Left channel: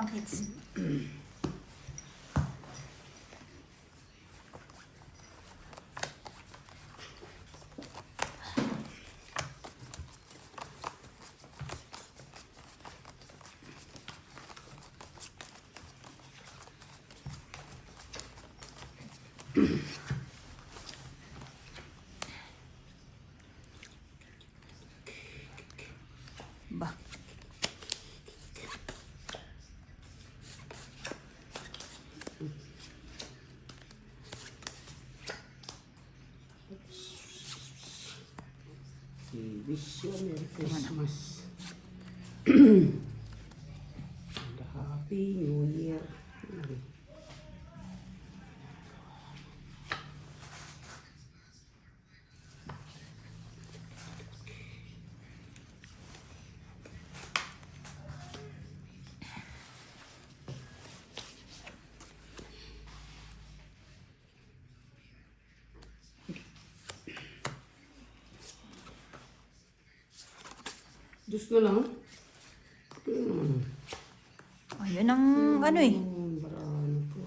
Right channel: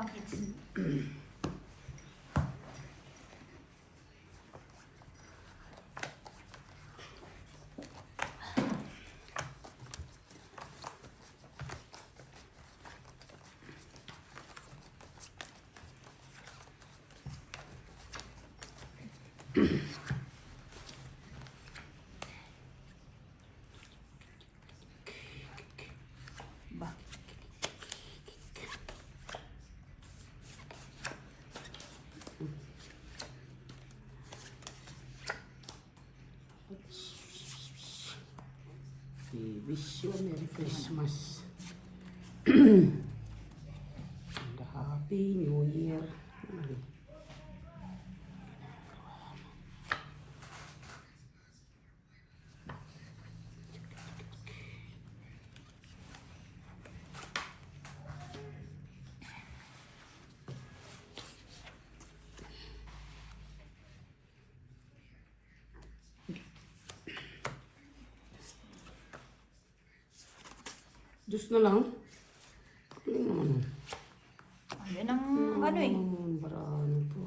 pang kids. Ba. Wish you a Merry Christmas. And a Happy New Year. Diyos na lang. Ayun ang ano eh. Marami po.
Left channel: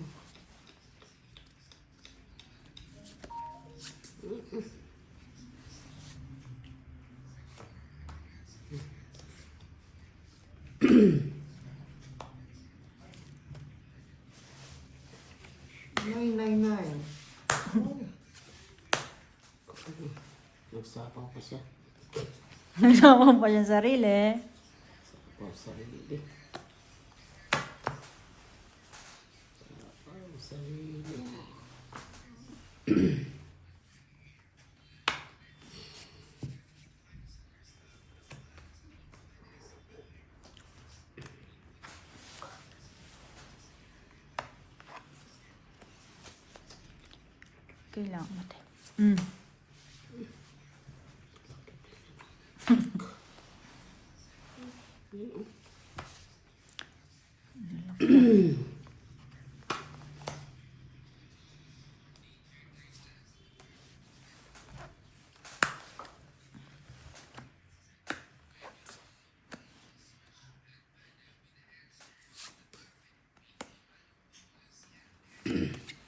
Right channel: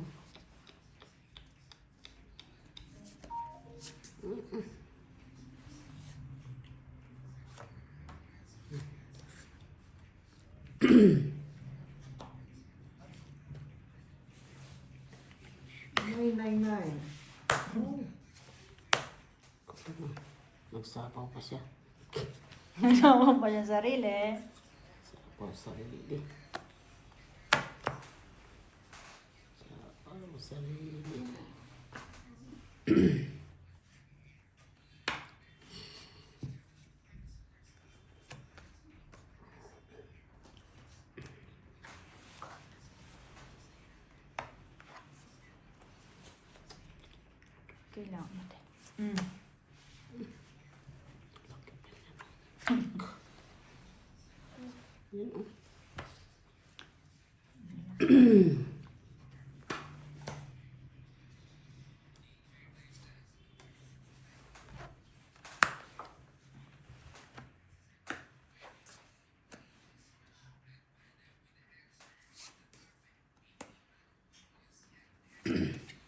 Nay. Nagsapaw pa siya. Naman pa yung sarili. Sapaw sa sarili. Sapaw sa sarili. Kailangan natin. Mm.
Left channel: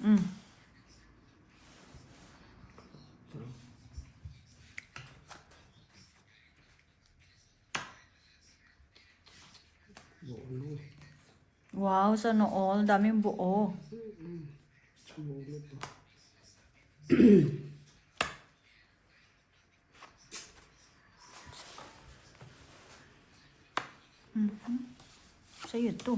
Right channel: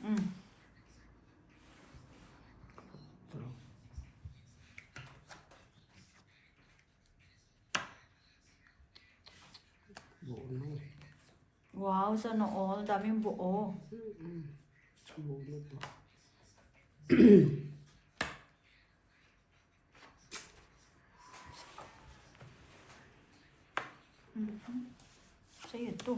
Mm. Buo. Wow, sana all. Daming buo. Buo po. Sa'yo to.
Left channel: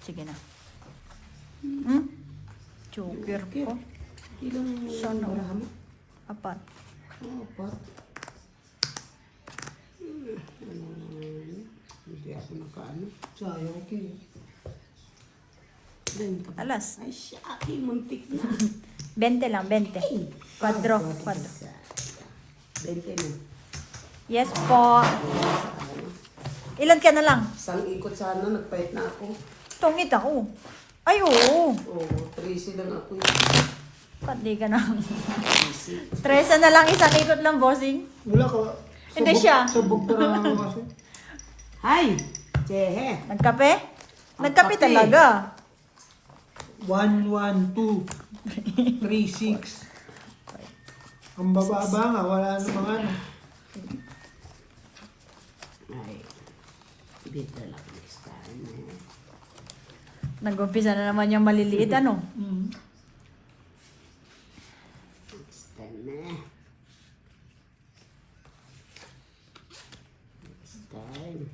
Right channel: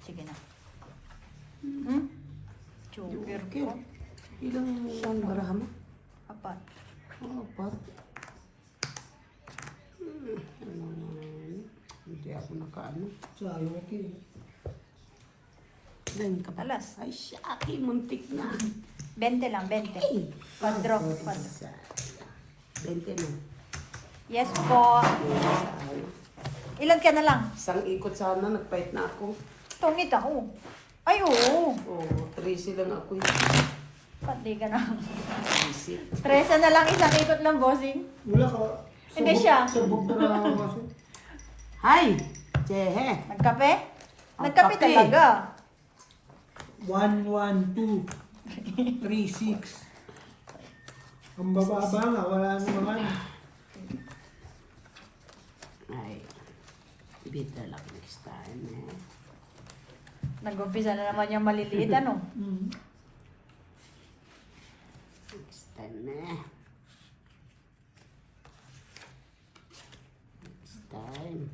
Sige na. Hmm? Joker. Kaya, ilang barahan mo? Apat. Apat. Hindi ako nakaano. Sayang ako eh. Ganyan ka ba? Alas. Ay, syaki, muntik na. 20 lang, 20. Quadro. 20 na. Yes po. Ilan ka na lang? Isang ikot sana, nagpahit na ako. Tungit ako. Ay, oo. Oo, 13 lang ako. Pati ka na. 13. Stressa na lang, isang ikot lang, bossing. Wala ka. Hindi siya. Sabog pa na ako kasi. Hi! Chehe! Nagkape? Nagkape Nagkape. talaga. 1, 1, 2, 3, 6. Ang bababa nga, wala namang ano. Ay, dito lang next time. No? Nag-umpisa na naman yung maliliit, ano? Next time na. Next time.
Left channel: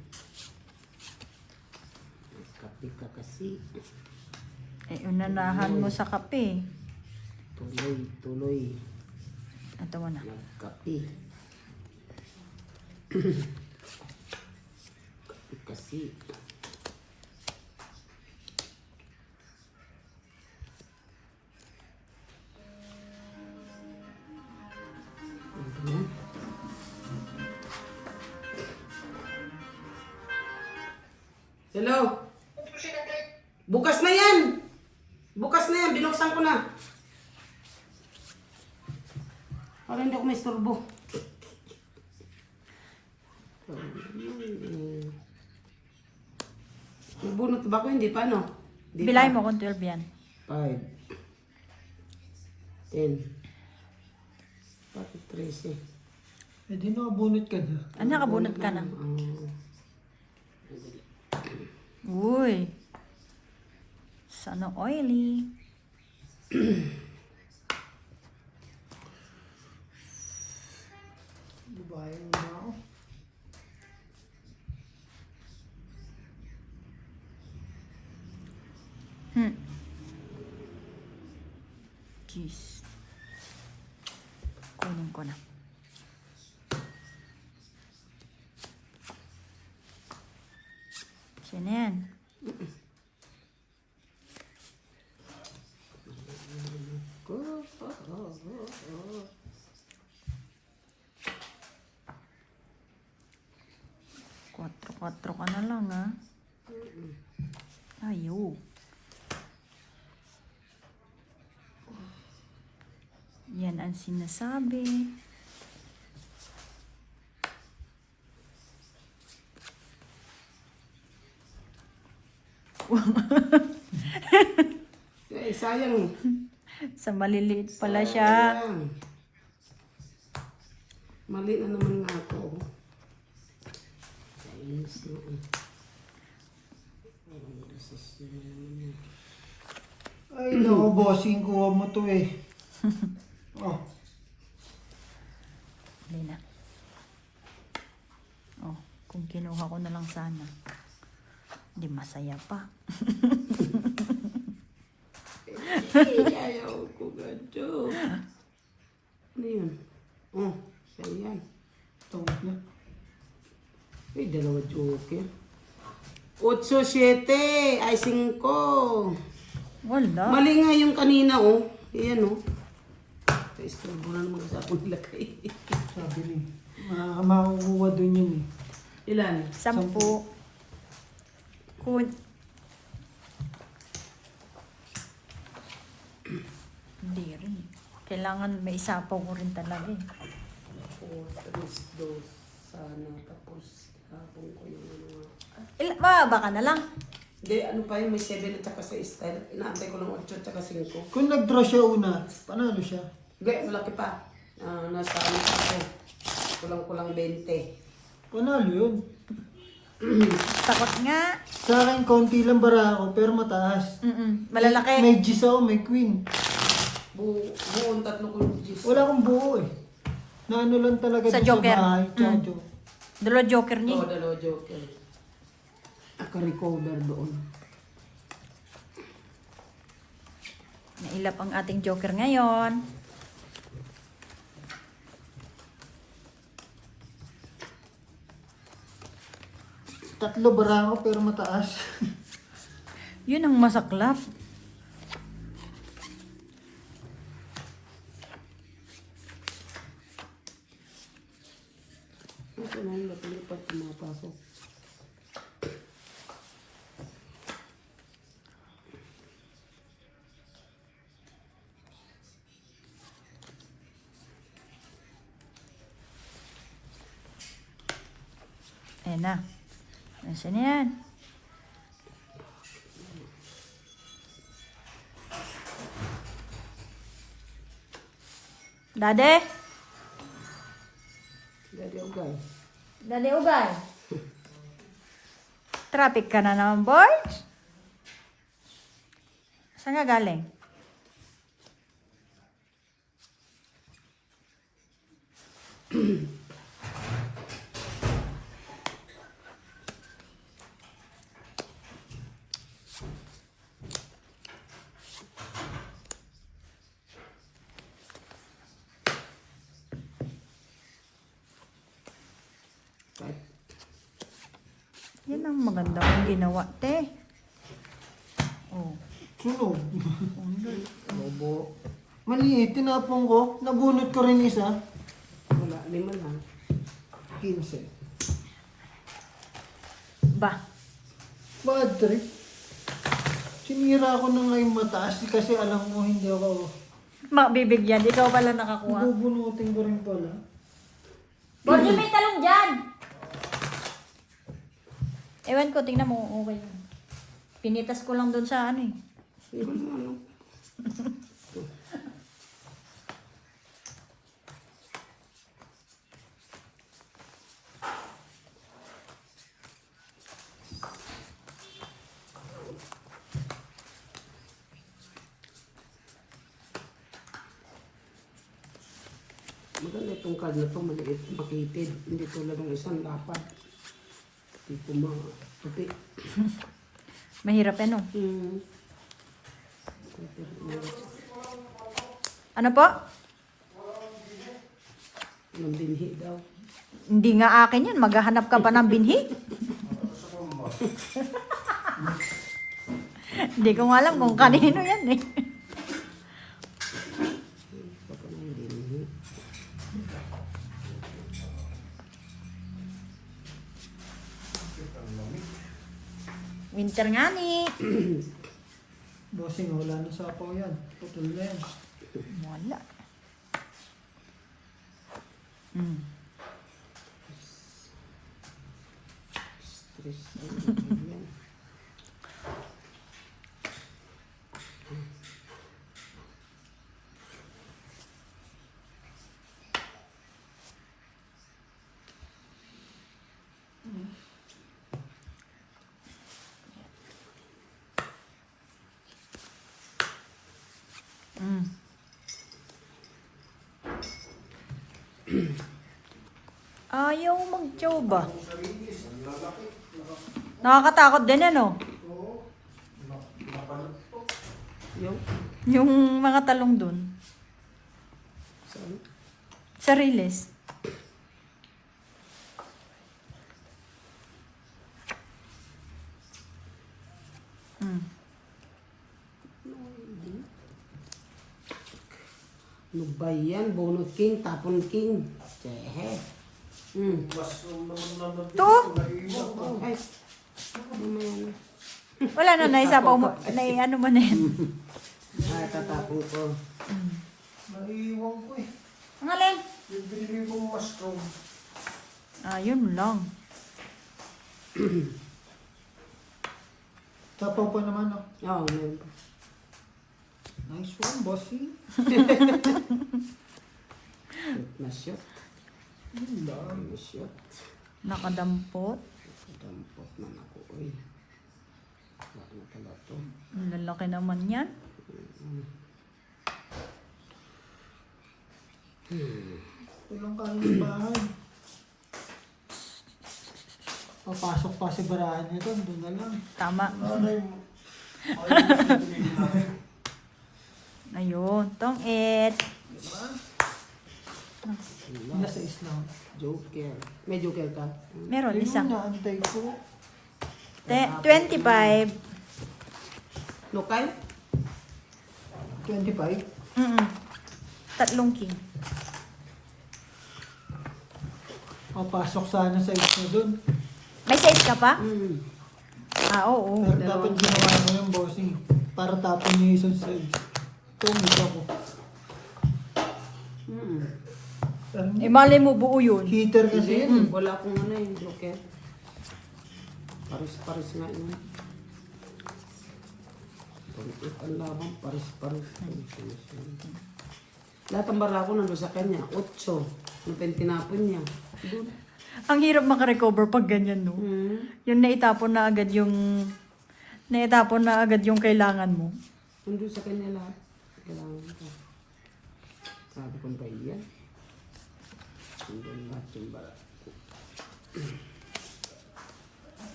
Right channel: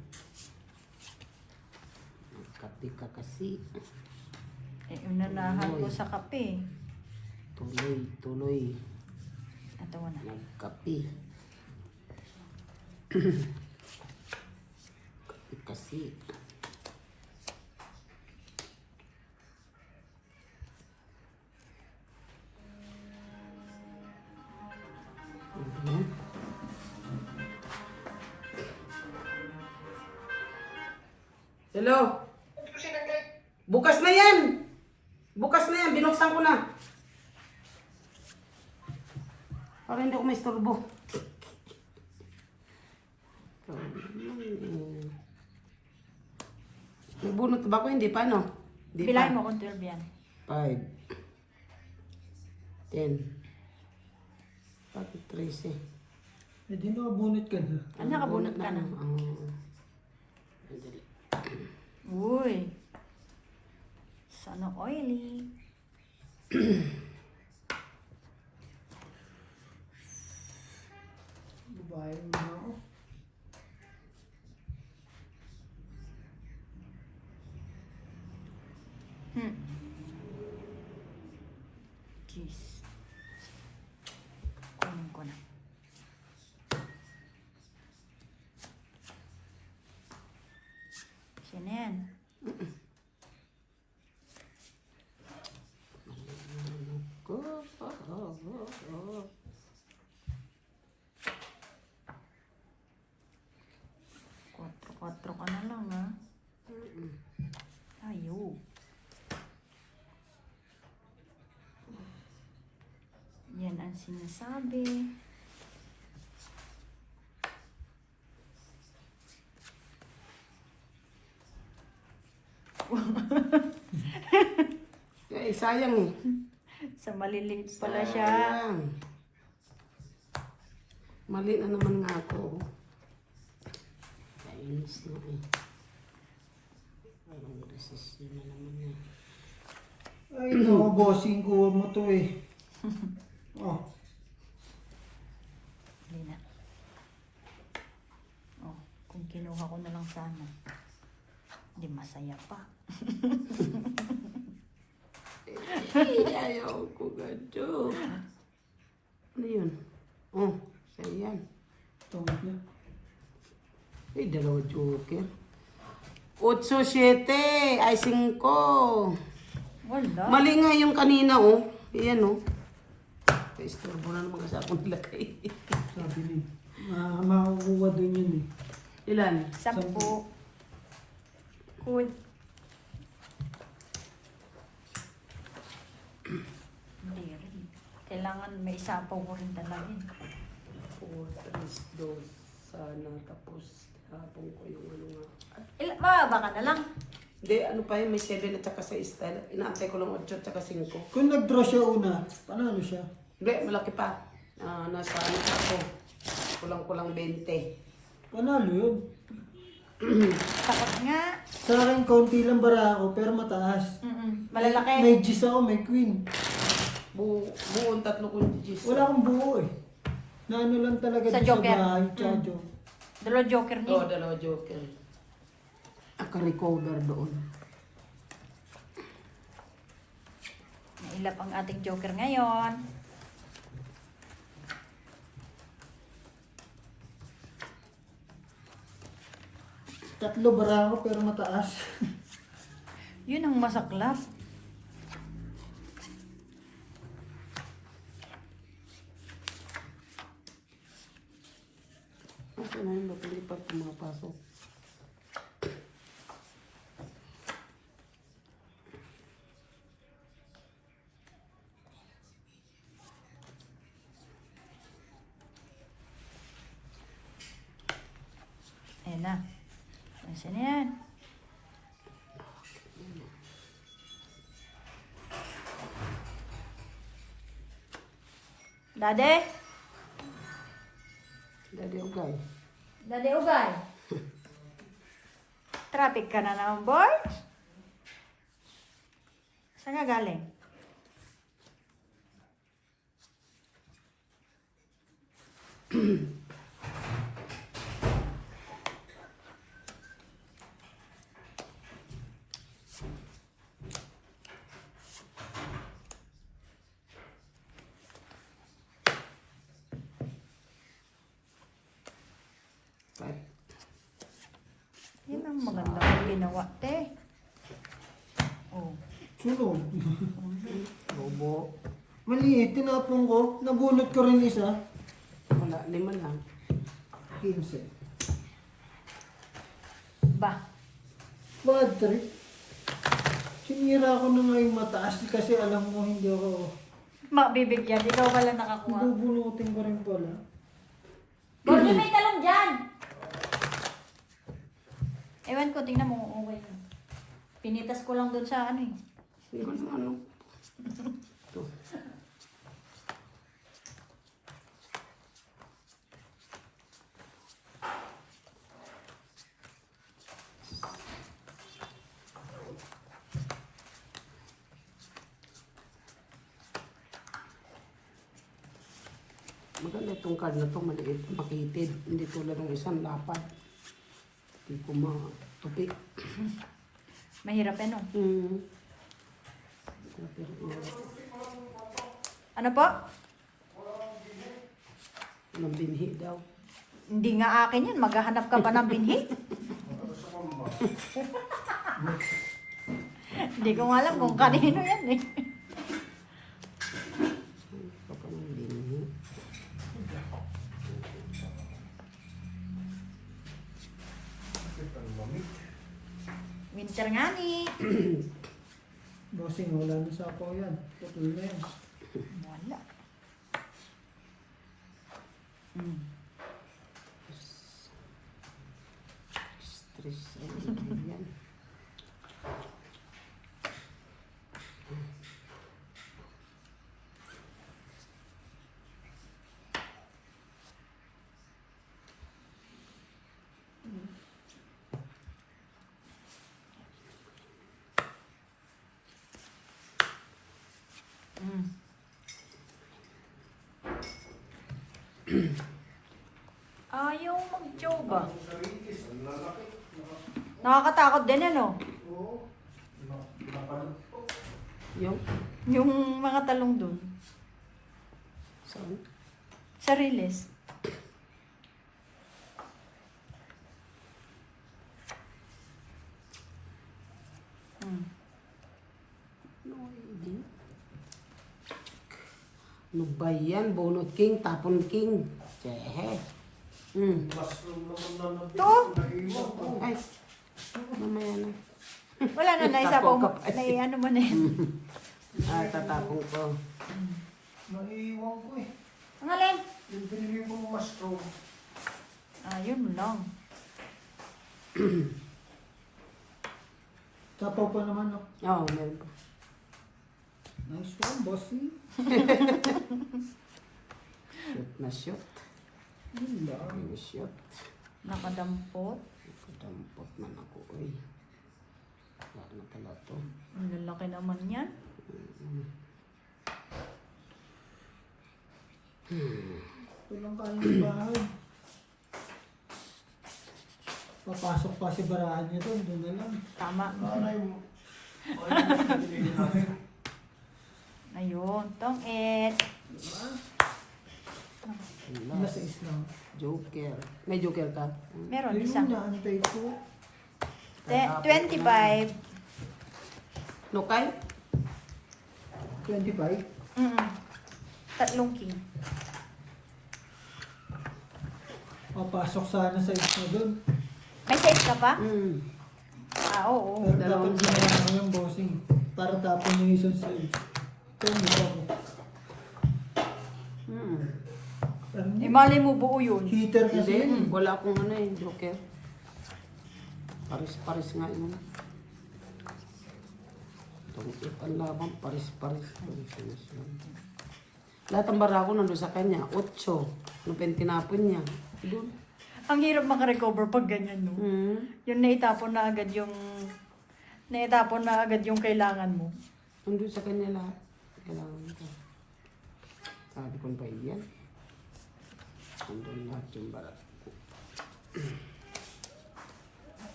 Nagkape ka kasi. Eh, unanahan mo sa kape. Tuloy. Ito mo na. Nagkape. Kape kasi. Hello? Bukas na yan! Bukas na yan, binuksan ko na. Para hindi ako may istorbo. Nagbunot ba ko? Hindi pa, no? Hindi Bilay pa. mo kung 12 yan. 5 10 Bakit 13? Eh di nakabunot ka na. Ah, nakabunot ka na. Uy. Sana oily. Babae na ako. Jeez. Kunin ko na. Sino yan? Kwatro ka na lang, ha? Ayaw. Yan ang sinasabi. Eh, sayang. Sa maliliit pala siya. Sayang. Mali na naman nga ako. Kainis na eh. Parang resus na naman yan. Ay, naku, bossing, kuha mo to eh. Oh, Hindi na. Oh, kung kinuha ko na lang sana. Hindi masaya pa. Ayaw ko gado. Ano yun? Oh, sayang. tawag na. Ay, dalawa joker. 8-7 ay 5. Wala. Mali nga yung kanina, oh. Ayan, oh. Istorbo na naman kasi ako nilagay. Sabi rin. Makukuha dun yun eh. Ilan? 10. Good. Hindi rin. Kailangan may isapaw ko rin talaga eh. Ako, 3-2. Sana tapos kapong ko yung ano. Baba ka na lang. Hindi, ano pa yun, may 7 at saka 6 style. Inaantay ko lang 8 at saka 5. Kung nag-draw siya una, panalo siya. Hindi, malaki pa. Nasa ano kasi. Kulang-kulang 20. Panalo yun. Tapos nga. Sa akin, konti lang bara ako, pero mataas. Malalaki. May G's ako, may Queen. Buong 3 kong G's. Wala akong buo eh. Na ano lang talaga Sa doon sa Joker. bahay. Tsaka joke. Dalawa joker niya. Oo, dalawa joker. Naka-recover doon. Nailap ang ating joker ngayon. Tatlo bara ako, pero mataas. Yun ang masaklap. Okay na yun, napilipat yung mga pasok. Ayan na. Nasaan na yan? Dade? Daddy Ogay. Dade Ugay? Traffic ka na naman, boys? Saan ka galing? Right. Yun ang maganda kong ginawa, te. Oh. Sunog. Bobo. Maliit, tinapong ko. Nabunot ko rin isa. Wala, 5 lang. 15. Ba? Bad trip. Sinira ko na nga yung mataas kasi alam mo hindi ako. Mabibigyan, ikaw pala nakakuha. Bubunutin ko rin pala. Bossy, may talong dyan! Ewan ko, tingnan mo, okay lang. Pinitas ko lang doon sa ano eh. Sige na ano. Maganda itong card na ito, maliit, makitid. Hindi tulad ng isang lapad. Hindi ko matupi. Mahirap eh, no? Hmm. Ano po? Ng binhi daw. Hindi nga akin yan. Maghahanap ka pa ng binhi. Hindi ko nga alam kung kanino yan eh. Papa ng binhi. Winter nga ni. Bossing, wala na sapaw yan. Putol na yan. Wala. Hmm. Stress. Yan. Mm. Ayaw mag-joba. Nakakatakot din ano? Yung? Yung mga talong dun. Saan? Sa riles. Mm. Ano ba yan? Bonot king, tapon king. Tsehe. Hmm. To? Ay. Mamaya na. Wala na, naisapaw mo. Ano mo na yun. Ay, tatapon ko. Naiiwan ko eh. Ngayon. Yung pinili kong mushroom. Ayun lang. Sapaw pa naman oh. Oo, meron pa. Nice one, bossing. Shoot na shoot. Yun lang. Ano shoot? Nakadampot. Dampot na ako. Uy. Wala na pala to. Ang lalaki naman yan. Walang kain ng bahay. Papasok pa si barahan niya doon. Doon na lang. Tama. Ano yung... Ayun yung sabihin namin. Ayun. Tong it. Diba? Wala. Nasa Islam. Joker. May joker ka? Meron Ayun isa. yung naantay ko. 25. Lokay? 25. Tatlong king. Papasok sana sa isa doon. May set ka pa? Hmm. Oo. Pero dapat ginawa mo yung bossing. Para tapon niya yung isang side. Tumig ako. Hmm. Ano? Eh, malay mo buo yun. Heater kasi Hindi, yun. wala akong ano yung joker. Paris-paris nga yun. Ang labang paris-paris. Lahat ang barako nandun sa kanya. 8. Ano pa yung tinapon niya? Doon. Ang hirap makarecover pag ganyan, no? Hmm. Yung naitapon na agad yung... Naitapon na agad yung kailangan mo. Nandun sa kanya lahat. Kailangan ka. Sabi kong ba yan? Nandun lahat yung barako.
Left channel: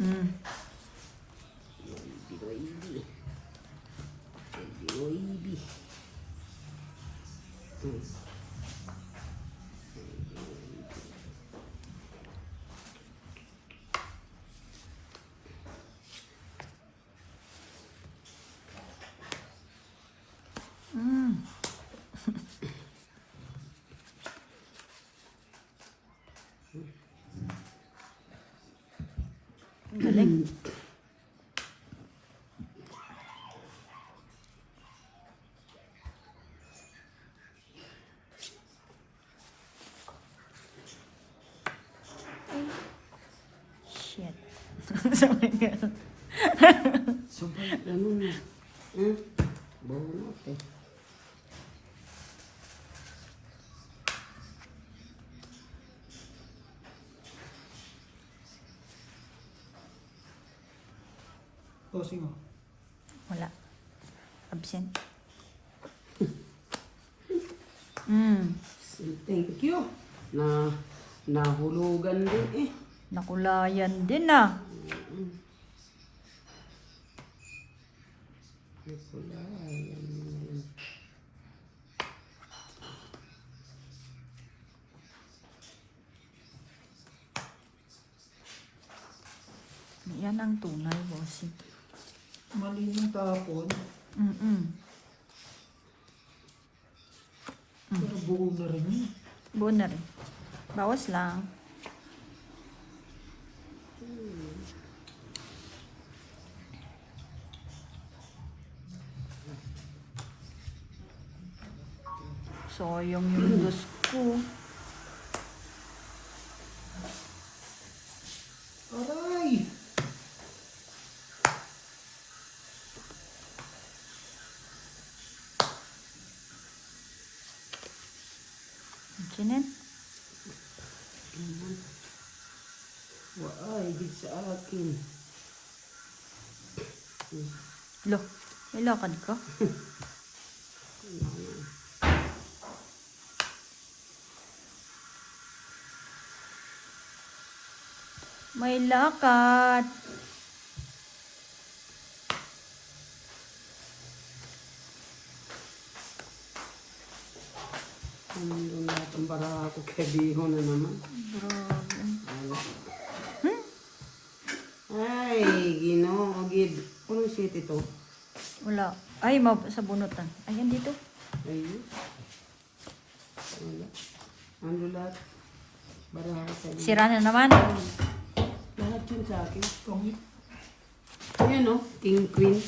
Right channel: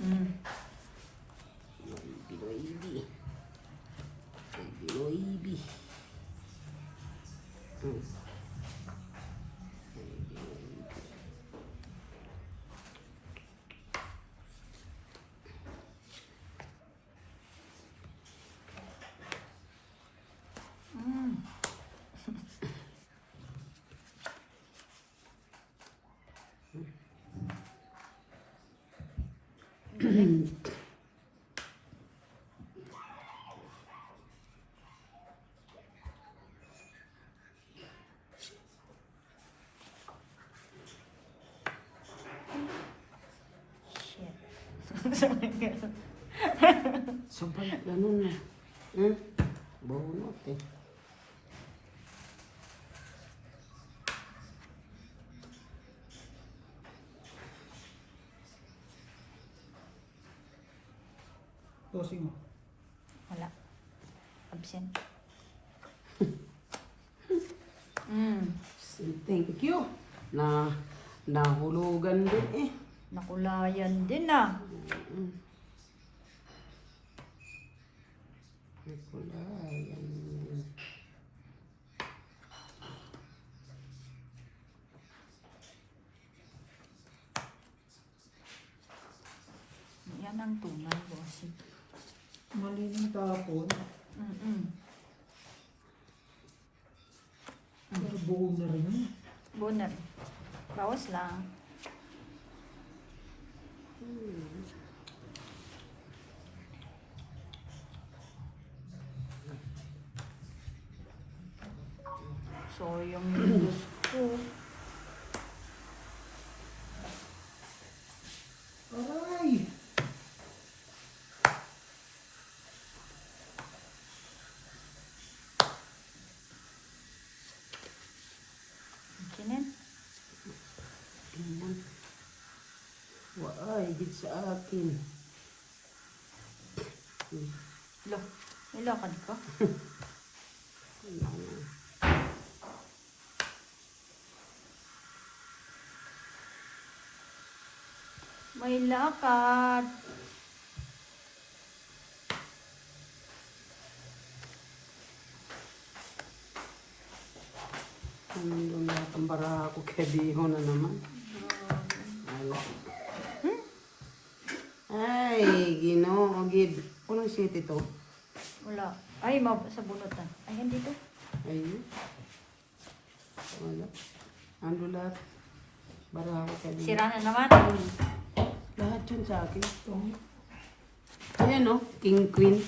Mm. Oibi. Oibi. Hmm. Mm. Galing. Sabi nga. Sabay, ganun na. Hmm? Bunot eh. Bossing mo. Wala. Absent. Mm. Thank you. Nahulugan din eh. Nakulayan din ah. Nakulayan. Yan ang tunay, bossing. Malining tapon. Mm-mm. Pero buo na rin yun. Buo na rin. Bawas lang. So, yung noodles ko. Aray! Kinin. Waay, higit sa akin. Lo. Ilokad ko. May lakad. Ano lahat ang bara ako kaya biho na naman. Wala. Ay, Ginoo, gib. Anong seat ito? Wala. Ay, sa bunot na. Ayun dito. Ayun. Wala. Ano lahat? Bara ako kaya biho. Sira na naman. Lahat yun sa akin. Pangit. Ayan o, King Queen.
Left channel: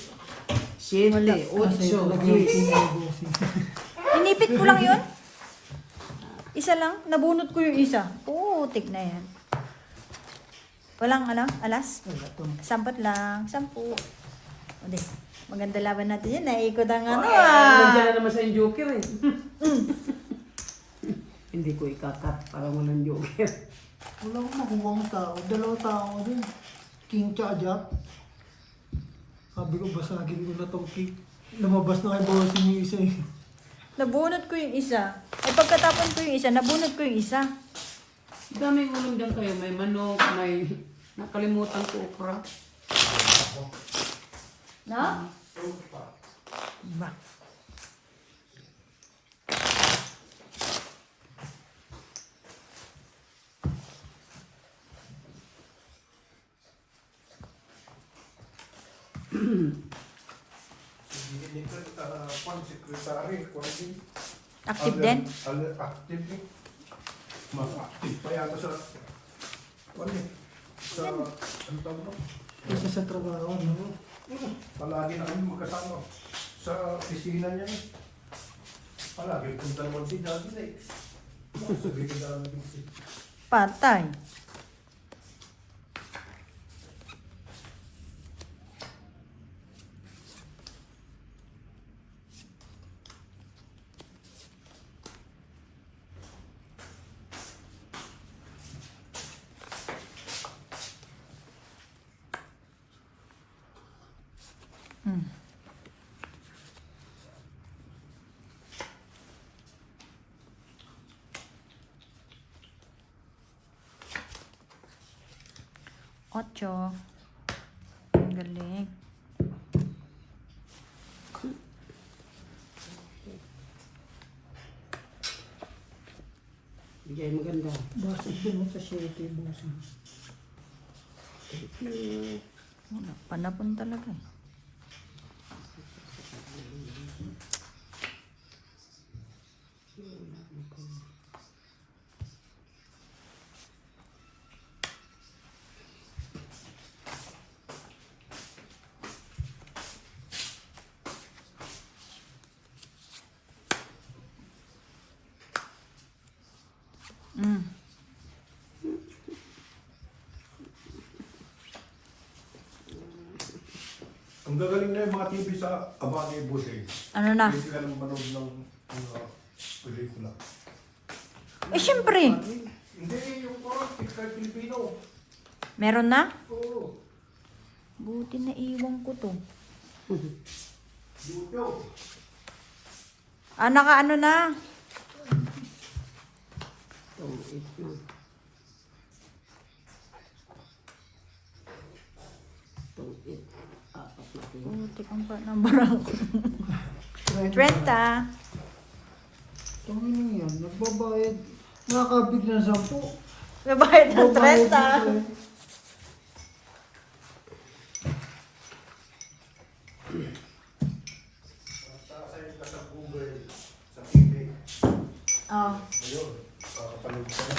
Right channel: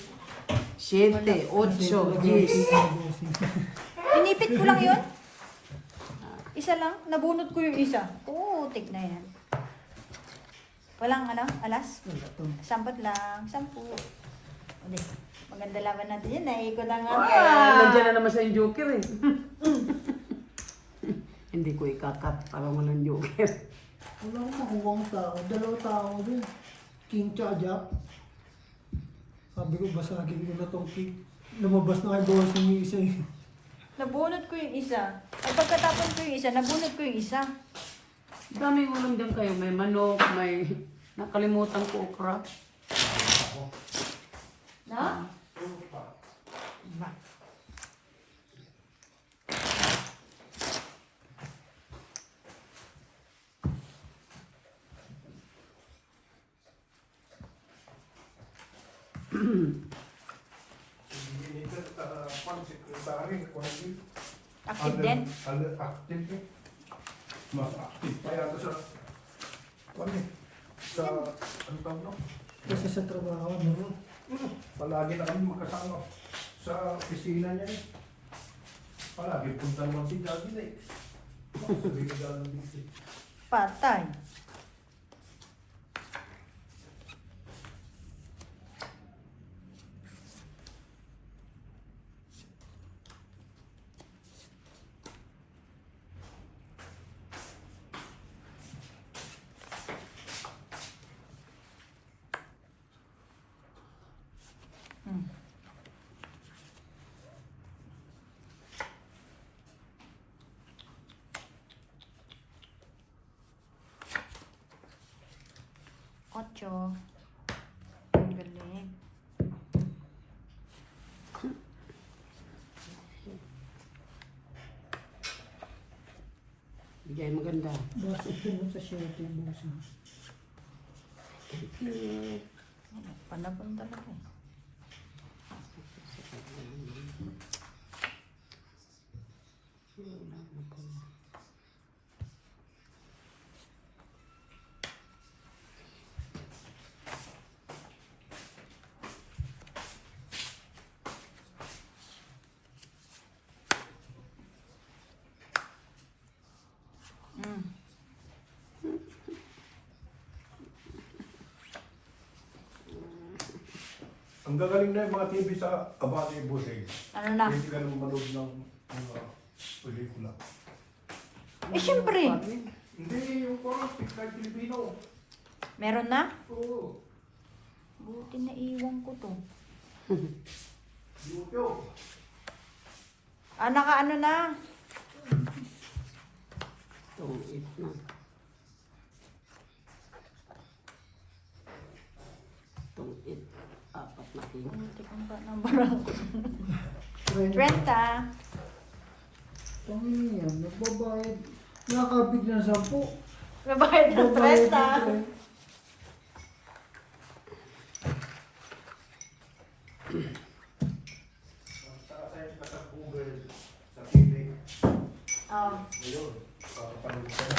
7, 8, 10. Bossing. Inipit ko lang yun. Isa lang. Nabunot ko yung isa. Putik na yan. Walang alas? Wala to. Sampat lang. 10. Hindi. Maganda laban natin yan. Naikot ang Nandiyan na naman sa yung joker eh. Hindi ko ikakat para walang joker. Wala akong makuha ang tao. 2 tao dun. King tsaka Jack. Sabi ko, basagin ko na tong cake. Lumabas na kay bossing yung isa eh. Nabunot ko yung isa. Ay pagkatapos ko yung isa, nabunot ko yung isa. Daming ulam dyan kayo. May manok, may nakalimutan ko okra. Na? Ba? Active din? Active eh. Mas active pa yata sa... Ano eh? Sa... Ano tawag no? Kasi sa trabaho, no? Palagi na kami magkasama. Sa opisina niya eh. Palagi punta naman si Daddy Lex. Sabi ko Daddy Lex eh. Patay. Ocho. Ang galing. Diyan maganda. Basag ko mo sa shirt yung bossing. Panapon talaga eh. Ang gagaling na yung mga TV sa Abante Bossing. Ano na? Hindi ka lang manood ng pelikula. Eh, syempre. Hindi, yung parang picture Pilipino. Meron na? Oo. Buti na iwan ko to. YouTube. Ah, naka ano na? Itong 8 na. Itong 8. Apat na king. Buti kong pa ng barang. 30. Tangin yan, nagbabayad. Nakakabig ng 10. Nabayad ng Babayad 30. ng 20. Sasayang ka sa Google, sa TV. Oh. Ayun, kakapanood ka na.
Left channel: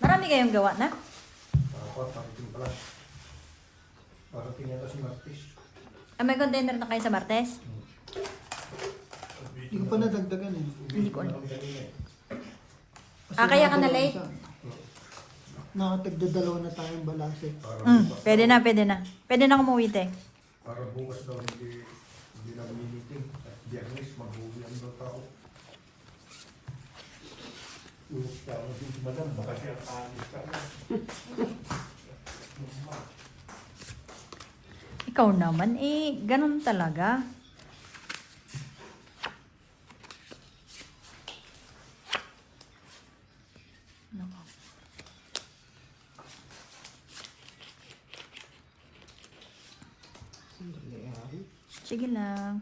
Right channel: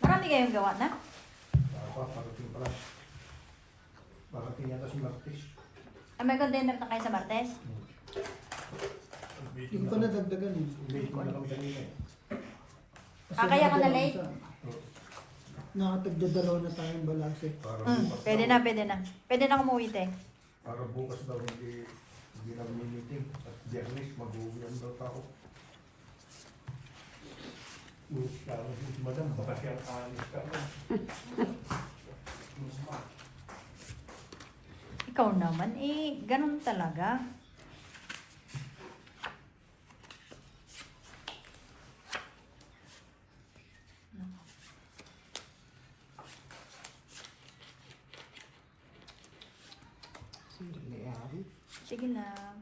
Marami kayong gawa na? Parating pala. Parating yata si Martis. Ah, may container na kayo sa Martes? Hindi ko pa nadagdagan eh. Hindi ko na lang kanina eh. Kasi Ah, kaya ka na nakadalawa late? siya. Nakatagdadalawa na tayong balase. Para bukas Pwede daw- na, pwede na. Pwede na umuwi, te. Para bukas daw hindi na meeting. At Biyernes, mag-uwian daw pa ako. Parang hindi madam, baka siya alis ka na. Ikaw naman, eh, ganun talaga. Sandali yan. Sige lang.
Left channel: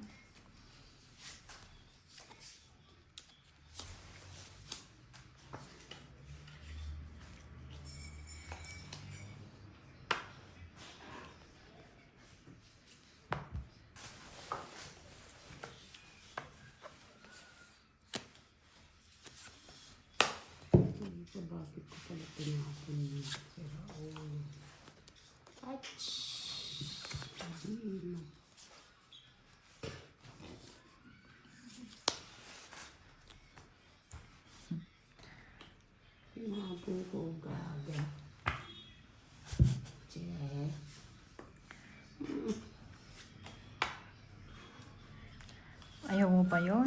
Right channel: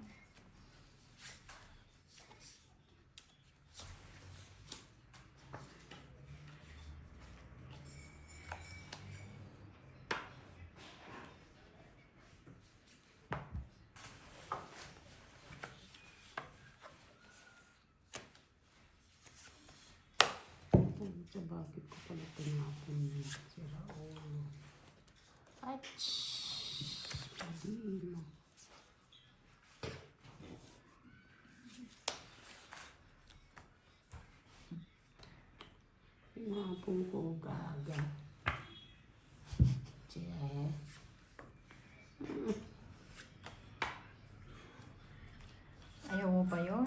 So, bakit ko pala tinapon yun? Sira ulo. Ach! Hindi na. Tinapon ko gaga. Check. Ayaw mo pa yun?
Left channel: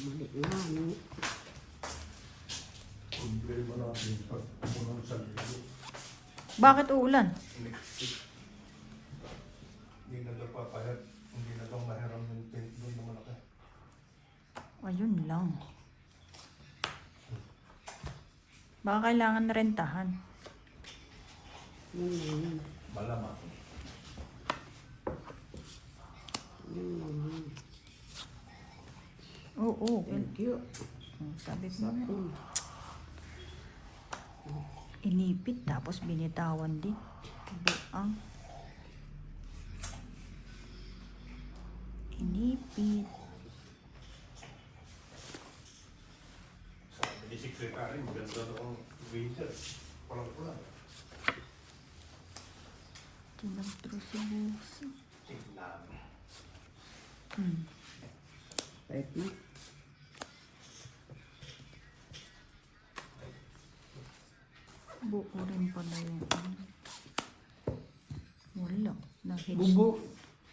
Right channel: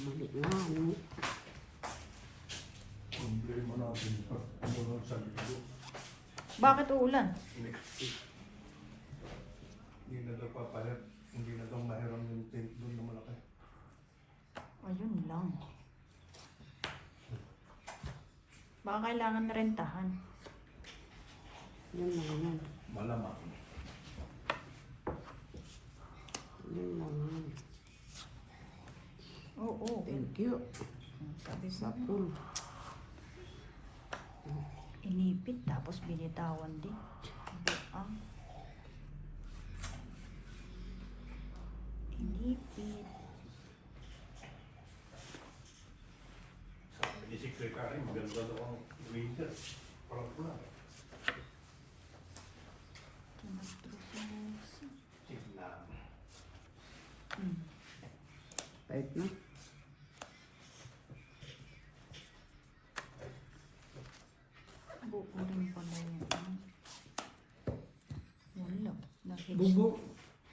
Mali na, ano? Problema natin pag umulan sa lilo. Bakit uulan? Hindi na daw papalag. Hindi na daw mahiram yung tent doon na malaki. Ayun lang. Baka kailangan rentahan. Yun lang yun. Malamang. Yun lang yun. Oo. Thank you. Sabi ko na. Sapo. Inipit tapos binitawan din. Ang inipit. Sabi ni Secretary, maganda daw ang winter. Parang ko lang. Tinatrosis. Tignan. Right na. Buo rin pa na yun. Wala. Nahits. Bubo.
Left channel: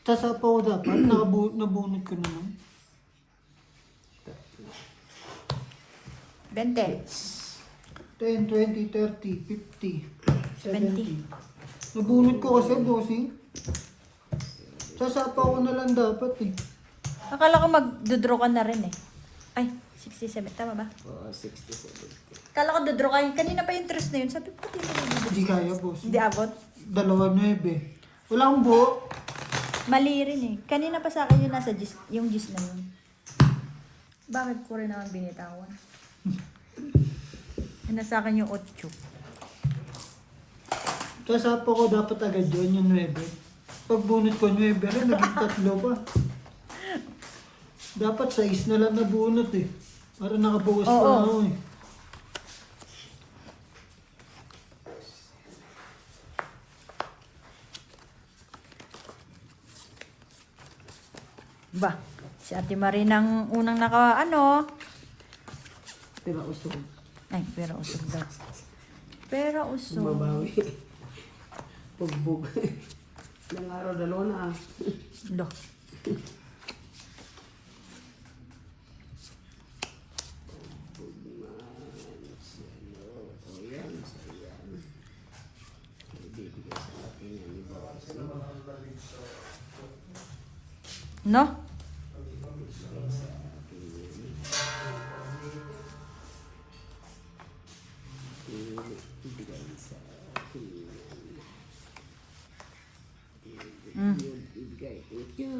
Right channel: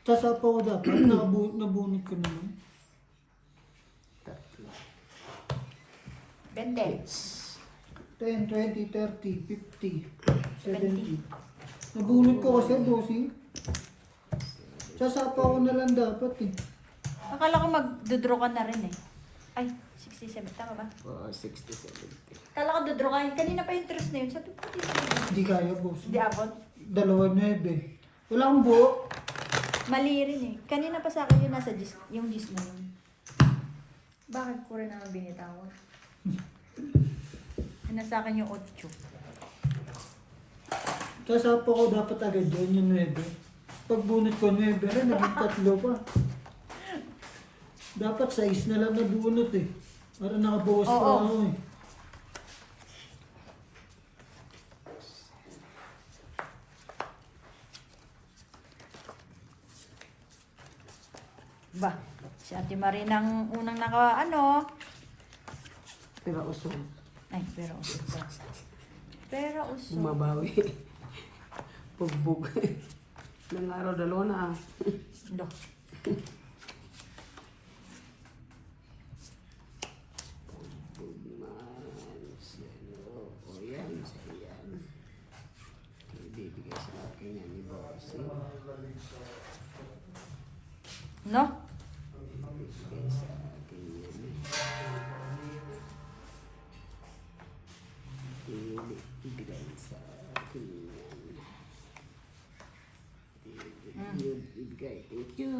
Sasapa ko dapat. Nabunot ko naman. 20. 10, 20, 30, 50, 70. Nabunot ko kasi, bossing. Sasapa ko na lang dapat eh. Akala ko mag-draw ka na rin eh. Ay, 67 tama ba? Oh, 67. Akala ko dodraw ka. Kanina pa interest na yun. Sabi ko, Hindi kaya, bossing. hindi abot. 2.9. Walang buo. Mali rin eh. Kanina pa sa akin yung nasa gis, yung gis na yun. Bakit ko rin naman binitawan? Nasa akin yung 8. Sasapa ko dapat agad yun, yung 9. Pag bunot ko 9, rin, naging 3 pa. Dapat 6 na lang nabunot eh. Para nakabawas pa Oo. ako eh. Ba, si Ate Marie nang unang naka, ano, Pero usog. Ay, pero usog daw. Pero usog. Bumabawi. Bugbog. Ilang araw, dalawa na. Lo. O yan, so yan. Ibibigay sa akin yan ni Bossing. No? Ibibigay sa akin yan. Ibibigay sa akin yan. Ibigay. Thank you.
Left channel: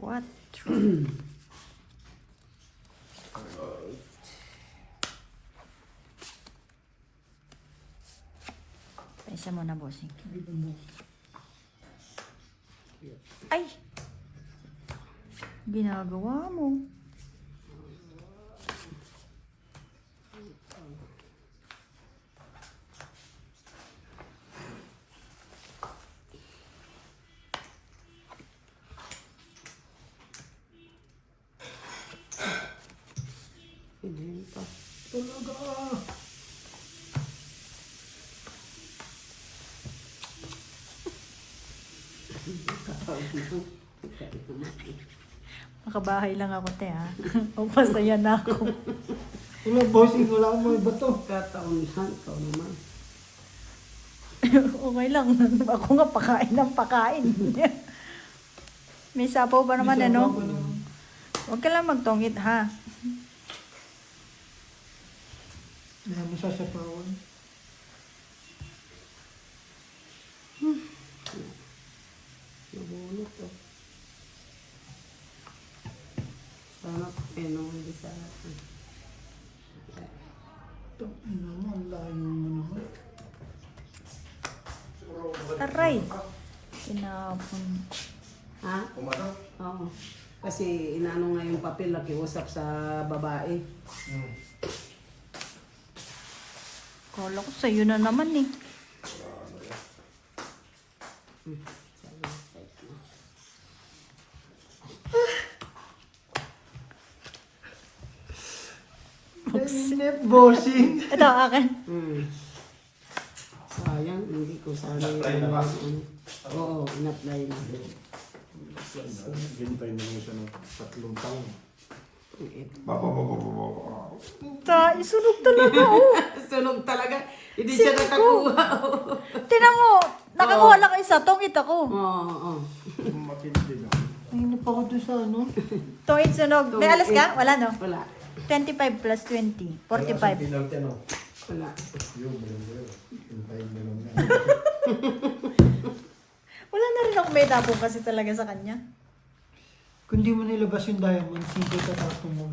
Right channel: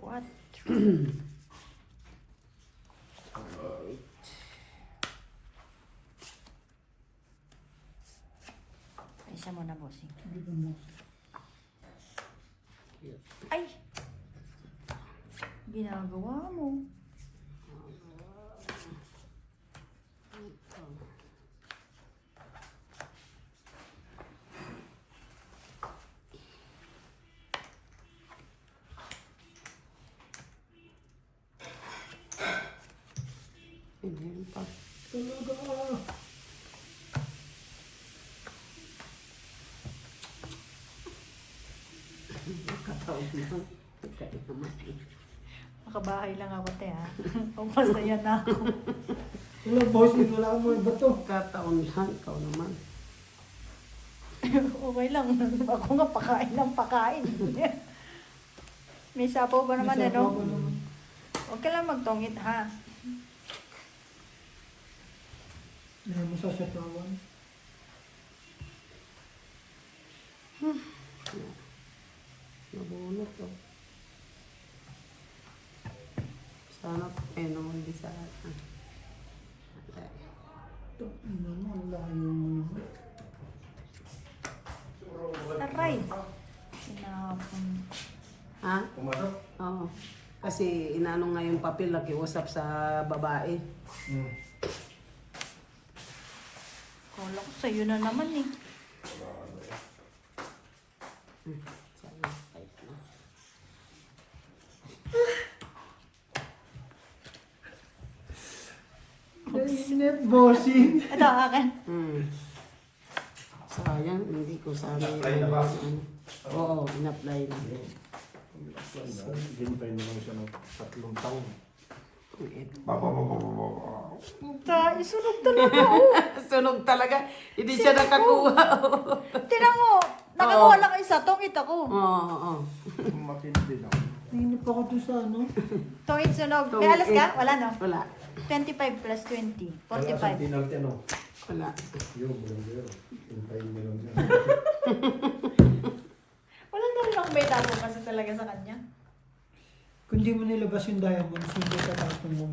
What? Isa mo na, bossing. Dito mo. Ay! Ginagawa mo. Hindi pa. Talaga. Katawag lang. Ikaw naman. Makabahay lang ako, te, ha? Pagpasaya na ako. Wala, bossing, wala akong mga bato. Kataon lang. Ikaw naman. Okay lang. Ako nga pakain ng pakain. May sapaw ba naman, May sabaw ano? pa naman. Huwag ka lang magtungit, ha? May masasapawan. Nabunot to. Sana hindi sa akin. Ano mo, ang layo mo naman. Aray! Sinapon. Ha? Pumasok? Oo. Kasi inaano nga yung papel, nakiusap sa babae. Kala ko sa'yo na naman, eh. Sana, kahit na. Net bossing. Ito, akin. Sayang, hindi ko sana In-apply na ba? Oo, in-apply na. Hintay naman siya ng 3 taon. Eh, Sunog talaga. Sunog talaga. Hindi siya nakakuha. Tinan mo, nakakuha lang isa, tungit ako. Oo. Matindi na. Hinip ako doon sa ano. Tungit sunog. May alas ka? Wala, no? Wala. 25 plus 20. Wala sa 45. penalty, ano? Wala. Yung blender. Hintayin mo lang yan. Wala na rin ako may dapo kasi talaga sa kanya. Kung di mo nilabas yung diamond, sige ka tapos mo.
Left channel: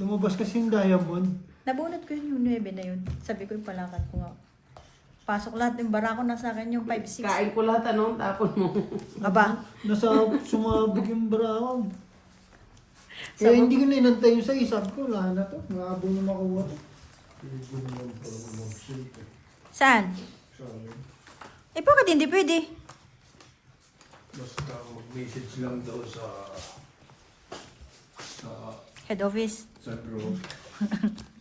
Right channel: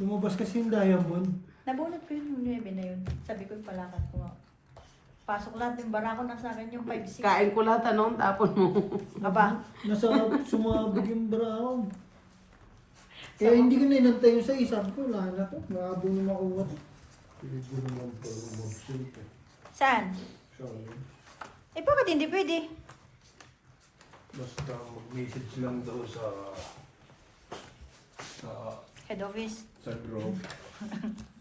Lumabas kasi yung diamond. Nabunot ko yung 9 na yun. Sabi ko yung palakat ko nga. Pasok lahat ng barako na sa akin yung 5-6. Kain ko lahat, ano? Tapon mo. Aba, Sumabog yung brown. Kaya hindi ko ninantay yung sa isa. Sabi ko, wala na to. Maabo na makuha to. Piligo naman po ng simple. saan? Sorry. Eh bakit hindi pwede? Basta mag-message lang daw sa Head office. draw.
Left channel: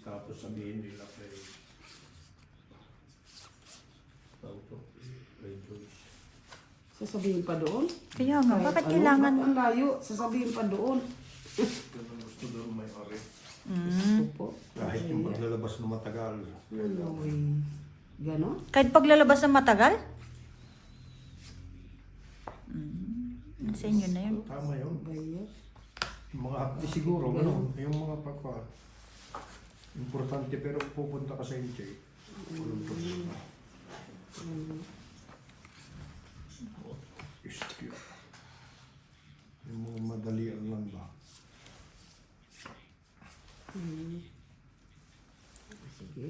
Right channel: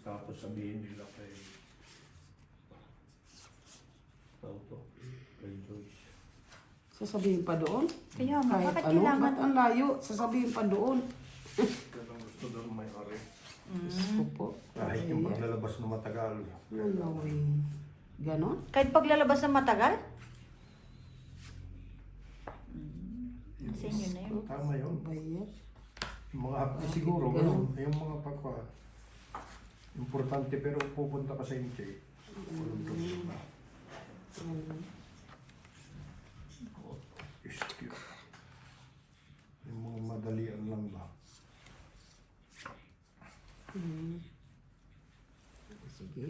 Tapos sabihin nila kay kay George. Sasabihin pa doon? Kaya nga, bakit Ano? kailangan? Ba't ang layo? Sasabihin pa doon. Ganun gusto daw may-ari. Gusto po. Kahit yung paglalabas na matagal. Ano eh. Ganon? Kahit paglalabas ng matagal? Sa inyo na yun. Tama yun. Bayot. Yung mga hapdi siguro, ganun. Yung mga pagka importante pero pupunta ka sa hindi. Walang problema. Excuse. Yung mga madalian lang ba? Sige.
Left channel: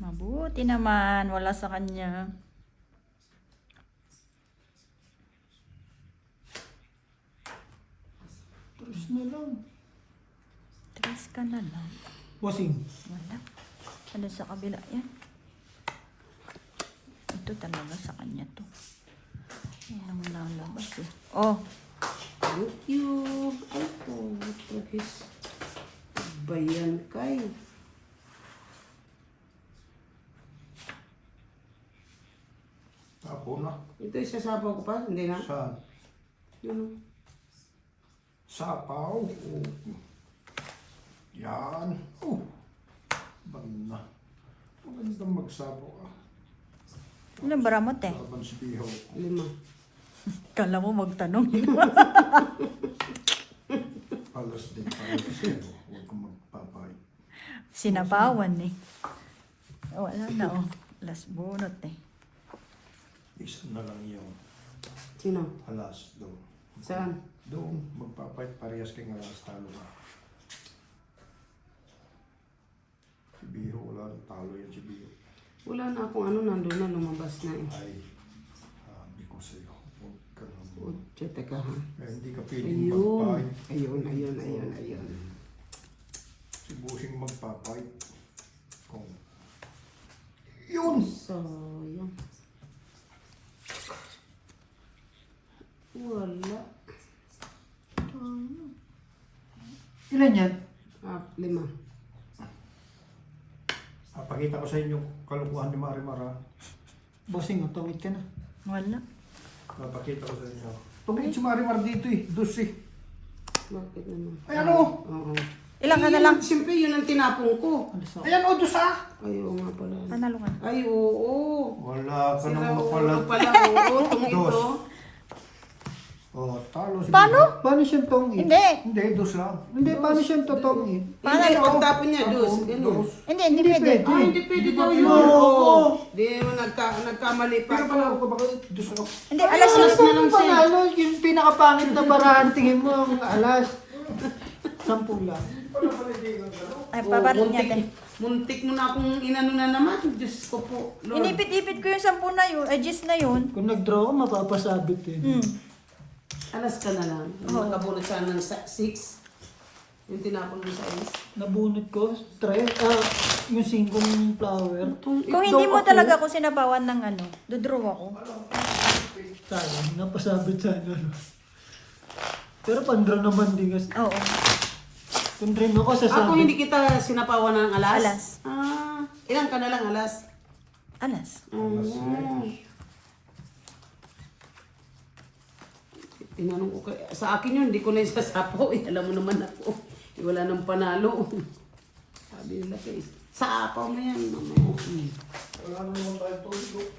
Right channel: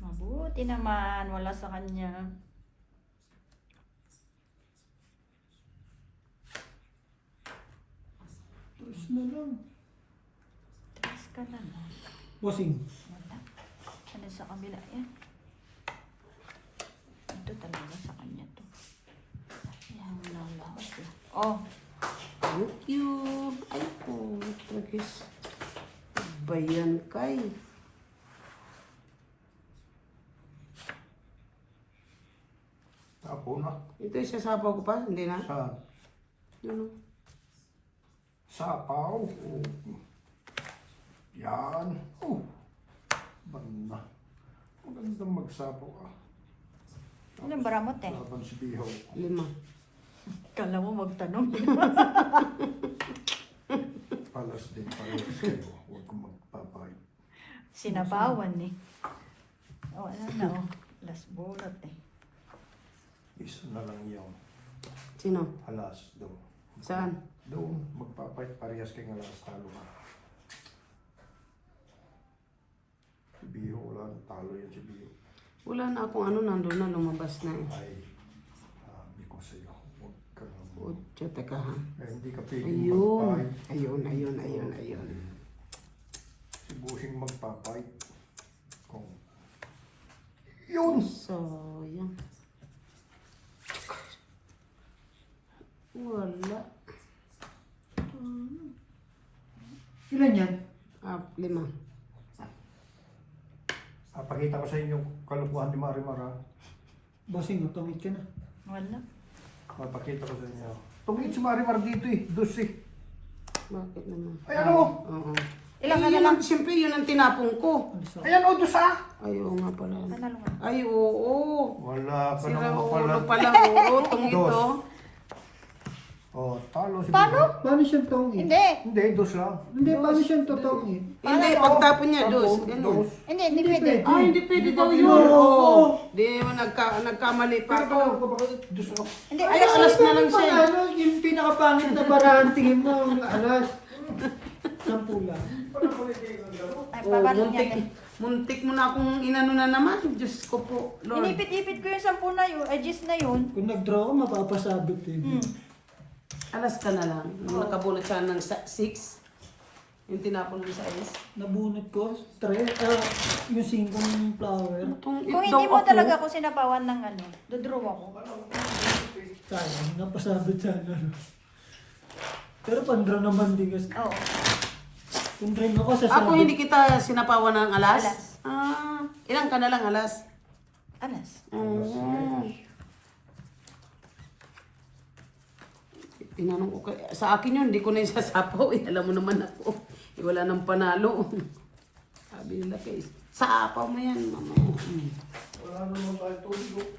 Mabuti naman, wala sa kanya. Tapos na lang. Tres ka na lang. Bossing. Wala. Ano sa kabila yan? Ito talaga sa kanya to. Ayan, nalabas eh. Oh, Thank you. Ay po, tragis. Bayan kay. Tapo na. Ito isasapaw ko pa, hindi na. Saan? Yun. Oh. Sapaw. Oh. Yan. Oh. Banda. Magandang magsapaw ah. ano baramot eh? Laban si Bihaw. 5. Kala mo magtanong. Palas din palas kayo. Huwag kong magpapahit. Sinapawan eh. Wala na oh. Last bunot eh. Isa na lang yung Sino? alas doon. Saan? Doon, magpapahit parehas kay alas talo ka. Si Bihaw, wala nang talo yan si Bihaw. Wala na akong ano, nandun na, lumabas na eh. Ay, sabi ko sa'yo, huwag kang Utya, teka ha. hindi ka pwedeng Ayun. magpahit. Ayun. Si Busing magpapahit. Kung yun! Sayang. Wala. Ilan yan? 5. Pakita ko sa inyo kalukuhan ni Marimar ha. Bossing, tumit ka na. Wala. Pakita ko sa inyo. Tungit si Marimar dito eh, dos eh. Bakit naman? Ayan o! Oo. Ilang ka Eh, na yun lang? ang- Siyempre, yun ang tinapong ko. Ano sa? Ayan o, dos ah! Ay, oo nga pala. Panalo ka. Ay, oo. Wala ka Sila, nang oo pala. pala. Oo, itong ito. Dos. Oh, talo si Paano? Bihaw. Paano siyang tongit? Hindi. Hindi, dos lang. Hindi, paano siyang totongit? Hindi, Ano? pagtapon niya, dos. Tapon, Ganun. dos. Hindi Hindi pwede. pwede. Ay, hindi pwede daw pwede. yun. Oo. Oo. Di, nagkamali pa Pero ako. ko baka dos ako. Hindi, Ay, alas alas na lang siya. Panalo, yung pinakapangit na barahan, tingin mo, ang alas. 10 lang. Ay, Oh, papalit niya. muntik mo na akong inano na naman. Diyos ko po, Lord. Inipit-ipit ko yung 10 na yun. Ay, 10 na yun. Kung nag-draw ka, mapapasabit eh. Alas ka na lang. Nakabulot ka ng 6. Yung tinapon mo sa alas. Nabunot ko, yung 5 flower. Itong Kung ito hindi mo ako. talaga ako sinabawan ng ano, dodraw ako. Tayo, napasabit sa ano. Pero pandraw naman din kasi. Oo. Kung dream ako, Ako sasabit. hindi kita sinapawan ng alas? Alas. Ah, ilang ka na lang alas? Alas. Oo. Tinanong ko sa akin yun, hindi ko na isasapaw. Eh, alam mo naman ako. Eh, wala nang panalo. Sabi nila kay, saapaw mo yan. Ano? Wala mo naman tayo tulog.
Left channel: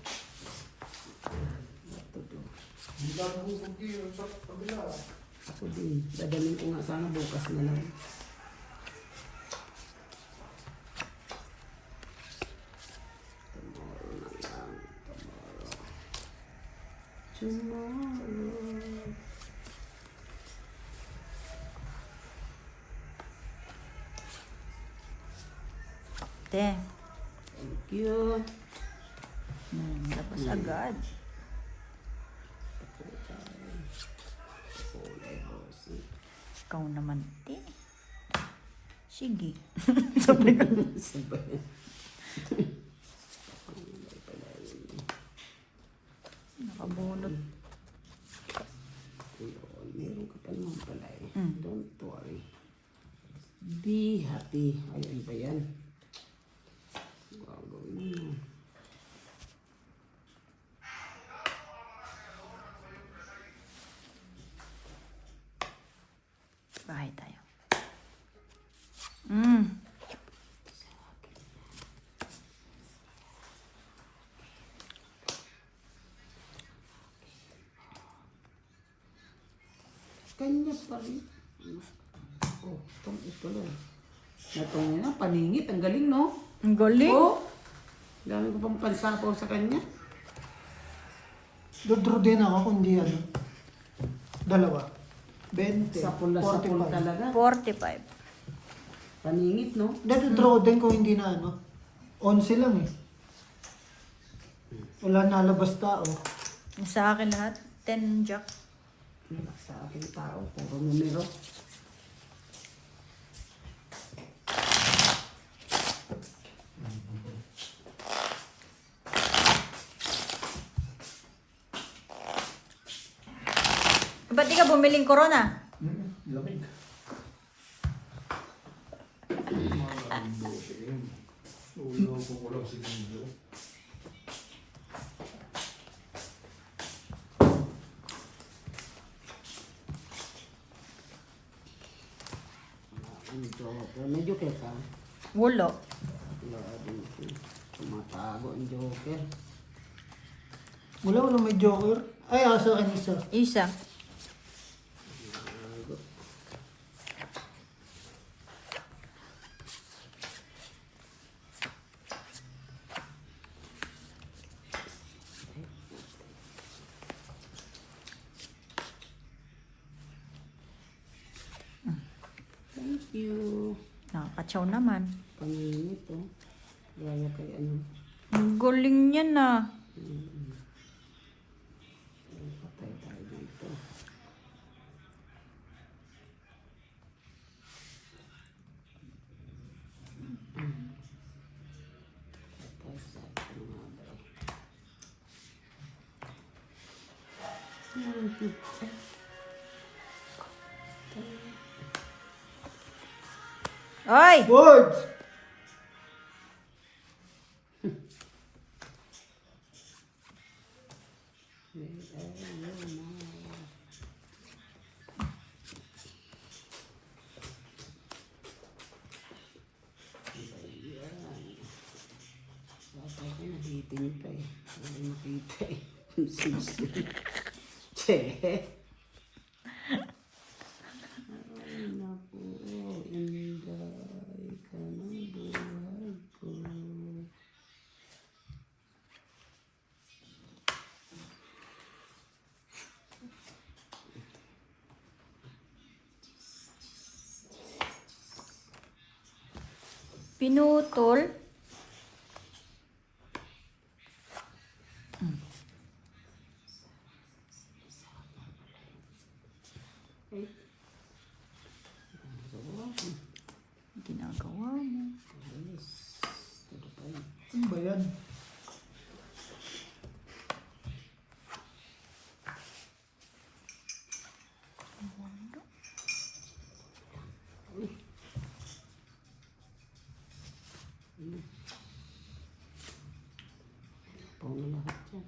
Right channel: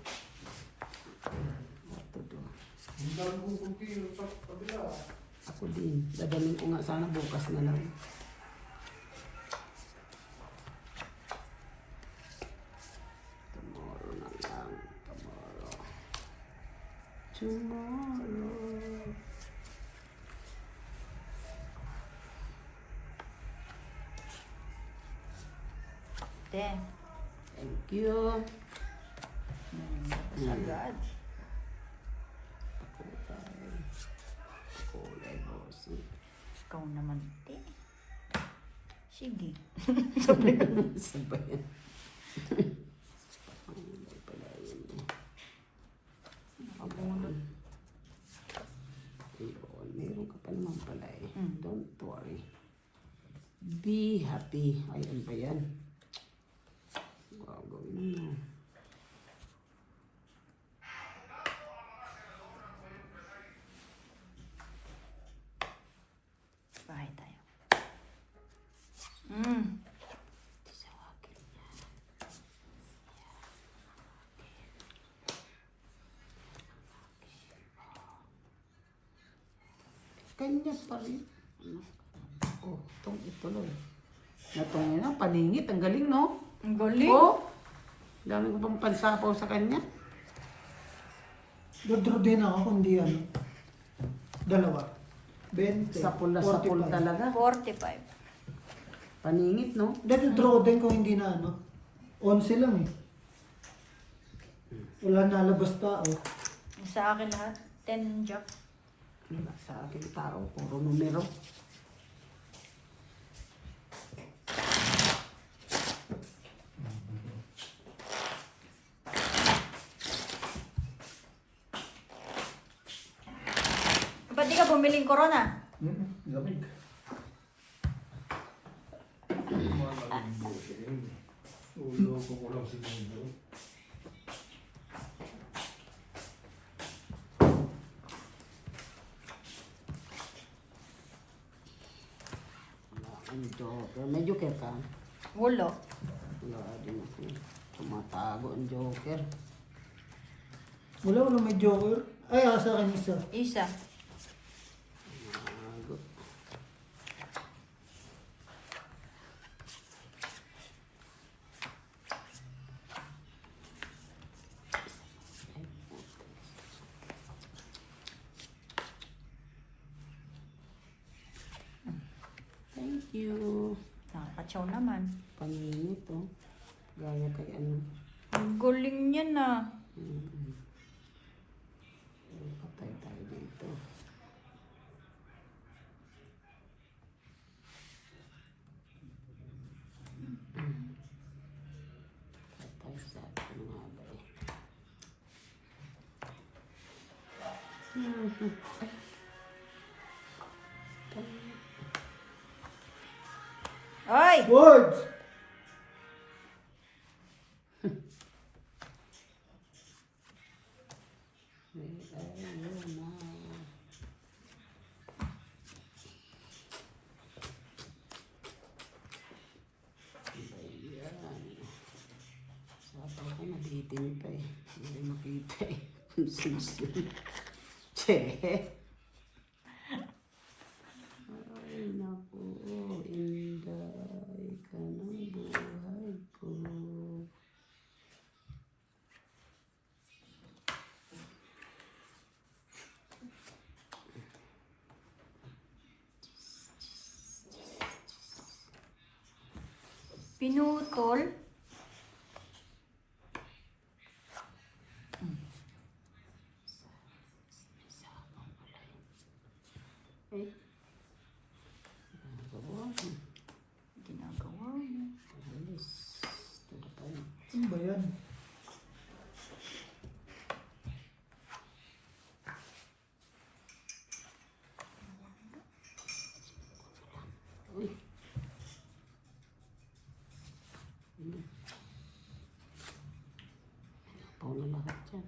Ito to. Hindi lang bubugin sa kabila. Ako din. Dadalhin ko nga sana bukas na lang. Tomorrow na lang. Tomorrow. Te. Thank you. Tapos agad. Kulay bossy. Ikaw naman, te. Sige. Sabay. Meron ka pa naman pala eh. Don't worry. Be happy. Ay, ano ba yan? Wow, gawin mo. Bahay tayo. Mm. Kanya pa rin. Oh, itong ito lang. Natong na, paningit. Ang galing, no? Ang galing. Oh, dami ko pang pansapaw sa kanya. Dodraw din ako, kundi ano. 2. 20. Sapul na sapul 45. talaga. 45. Paningit, no? Dodraw din kung hindi na ano. 11 lang eh. Wala nalabas tao. Sa akin lahat, 10 jack. Sa ating tao, puro numero. Ba't di ka bumiling corona? Lamig. Malambo siya yun. Ulo ko lang siguro. Ang Joker. May Joker ka? Wala. Wala din ako. Tumatago ang Joker. Wala may joker. Ay, sa akin isa. Isa. Tago. Thank you. Nakakatsaw naman. Kanino to? Gaya kay ano. Ang galing niya na. Patay tayo dito. Patay sa ating mga bay. Oy! Words! Sabi ko nabitin pa eh. Hindi makita eh. Ang susun. Che. Ay naku. Inday ka ng buhay ko. Pinutol. Ay. Ginagawa mo. Alis. Tagapay. Ano ba yan? Pau na lahat yan.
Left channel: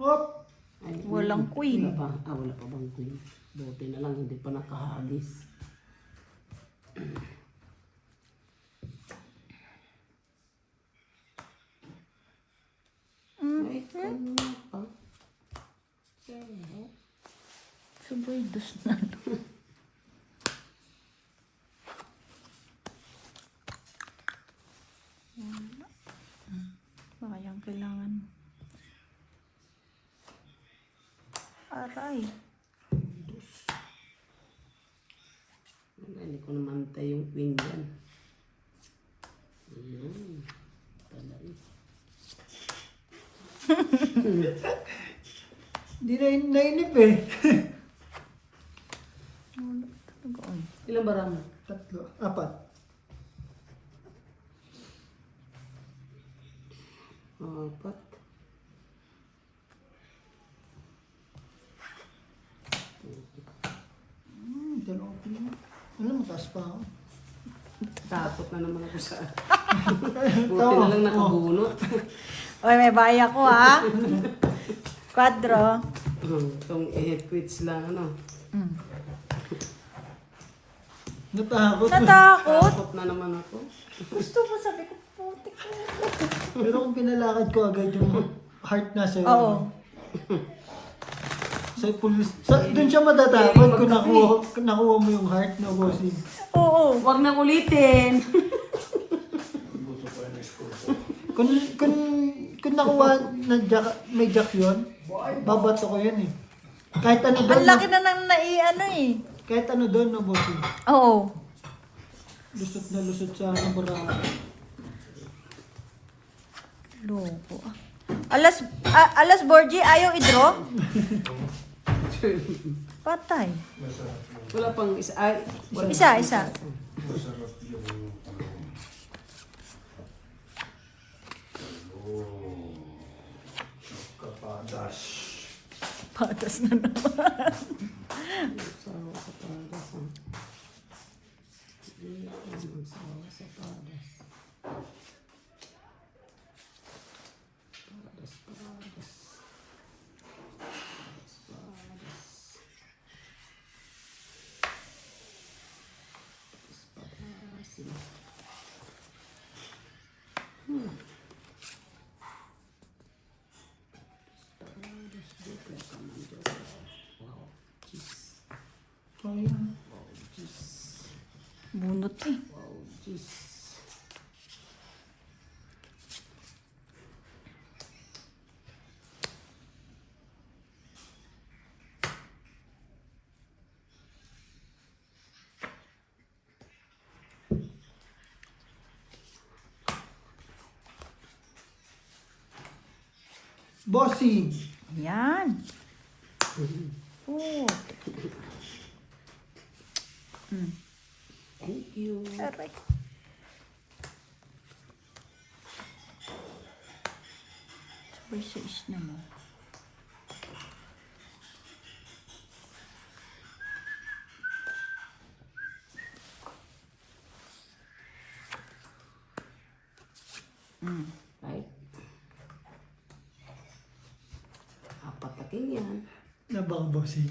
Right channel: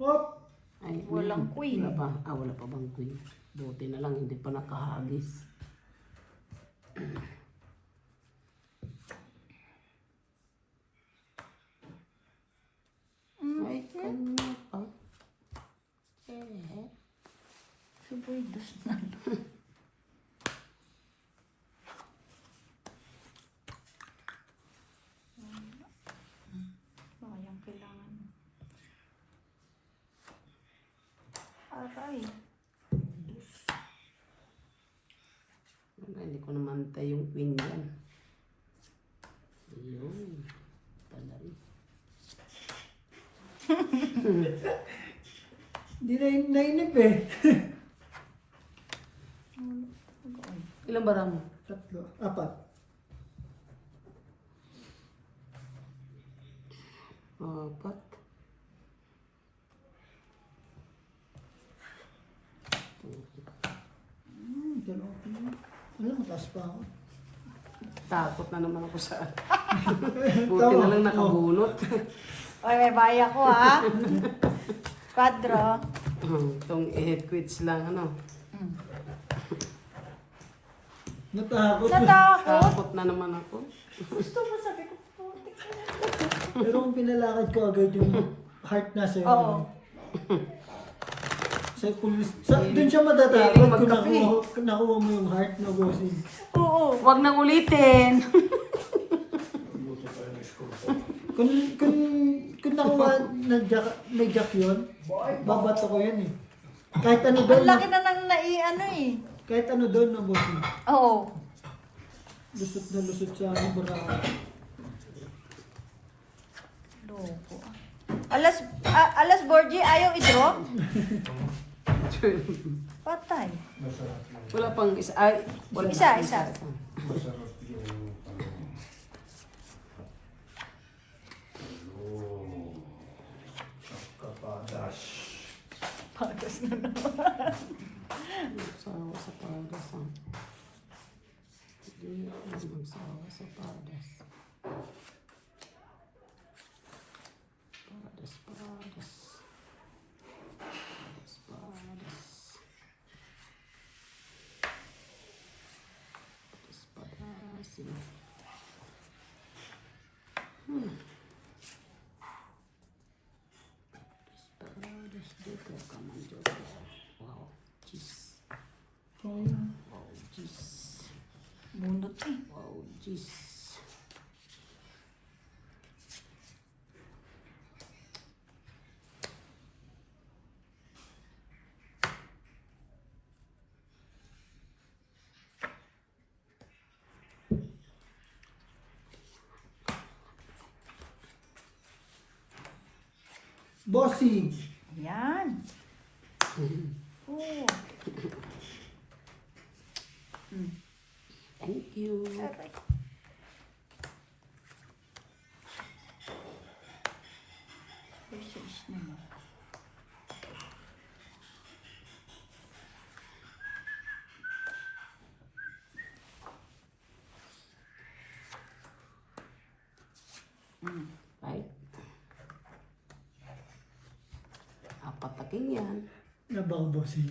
Hop! Ay, Walang queen. Wala pa. Wala pa bang queen? Buti na lang, hindi pa nakahagis. Ay, kanya pa. Eh. Sabay, dos na. Sayang, kailangan. Aray. Wala, hindi ko namantay yung queen yan. Ayun. Pala eh. Hindi na nainip eh. Ilang baram? 3, 4. Apat. Dalawa pa naman. Ano, mataas pa ako. Takot na naman ako sa... Buti na lang nakabunot. Oy, may baya ko ha. Quadro. Itong quits lang, ano. Natakot. Natakot. Takot na naman ako. Gusto ko sabi ko, putik. Pero kung pinalakad ko agad yung heart na sa'yo. Oo. Sa pulis. Doon siya matatakot kung nakuha mo yung heart na bossing. Oo. Huwag nang ulitin. Buto pa yung school. Kung nakuha na jack, may jack yun, babato ko yun eh. Kahit ano doon. Ang laki na lang ano eh. Kahit ano doon na bossing. Oo. Lusot na lusot sa barako. Loko. Alas Borgie, ayaw i-draw? Patay. Masarap yung, Wala pang isa. Ay, wala Isa. masarap yung talong. Talong. Kapadas. Patas na naman. Sawa sa padas. Hindi naman sawa sa padas. Padas. Wow, jeez. Sayang. Wow, jeez. Bunot eh. Wow, jeez. Bossing. Yan. Oh. Thank you. Aray. Sais na mo. Right? Apat na ganyan. Nabang bossing.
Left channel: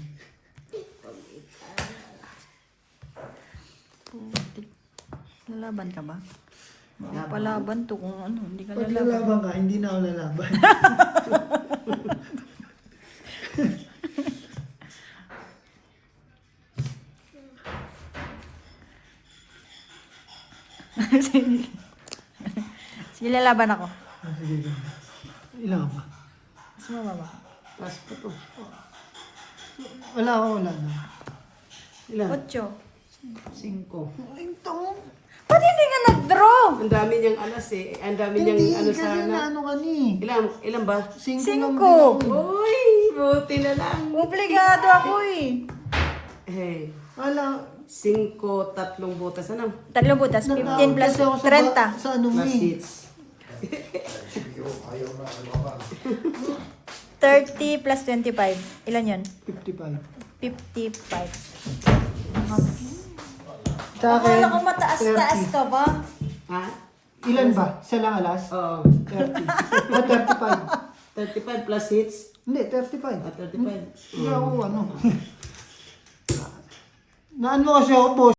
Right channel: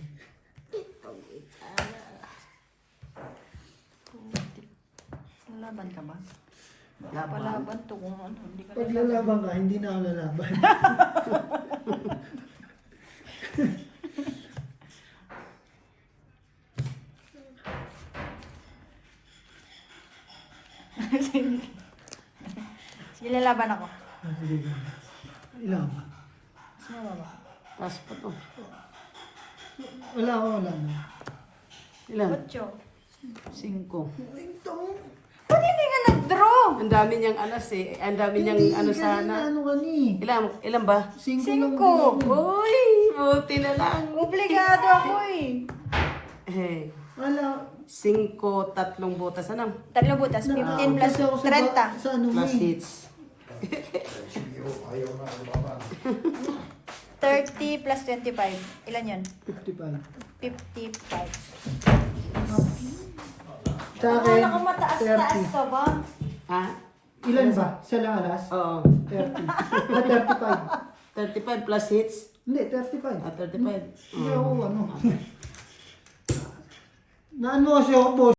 Lalaban ka ba? Laban. Palaban to kung ano. Hindi ka Pag lalaban. lalaban ka, hindi na ako lalaban. Sige, lalaban ako. Sige. Ilan ba? Mas mababa. Taas pa to. Wala na. Ilan? 8. 5. Ito. Ba't hindi ka nag-draw? Ang dami niyang alas eh. Ang dami niyang Hindi, ano kasi sana. na ano ka ni. Ilan ba? 5 lang Cinco. din. Uy, buti na lang. Obligado ako eh. Eh, Wala. 5, 3 butas. Ano? 3 butas, 15 Nakakot plus kasi ako sa, 30. sa ano mo Plus eh. hits. Siguro ayaw na lumaban. 30 plus 25. Ilan yun? 55. 55. Sa akin, Akala ko mataas-taas 30. ka ba? Ha? Ilan ba? Isa lang alas? Oo. 30. Ah, 35. 35 plus hits. Hindi, 35. 35. Hindi ako ano. Naan mo kasi ako, boss.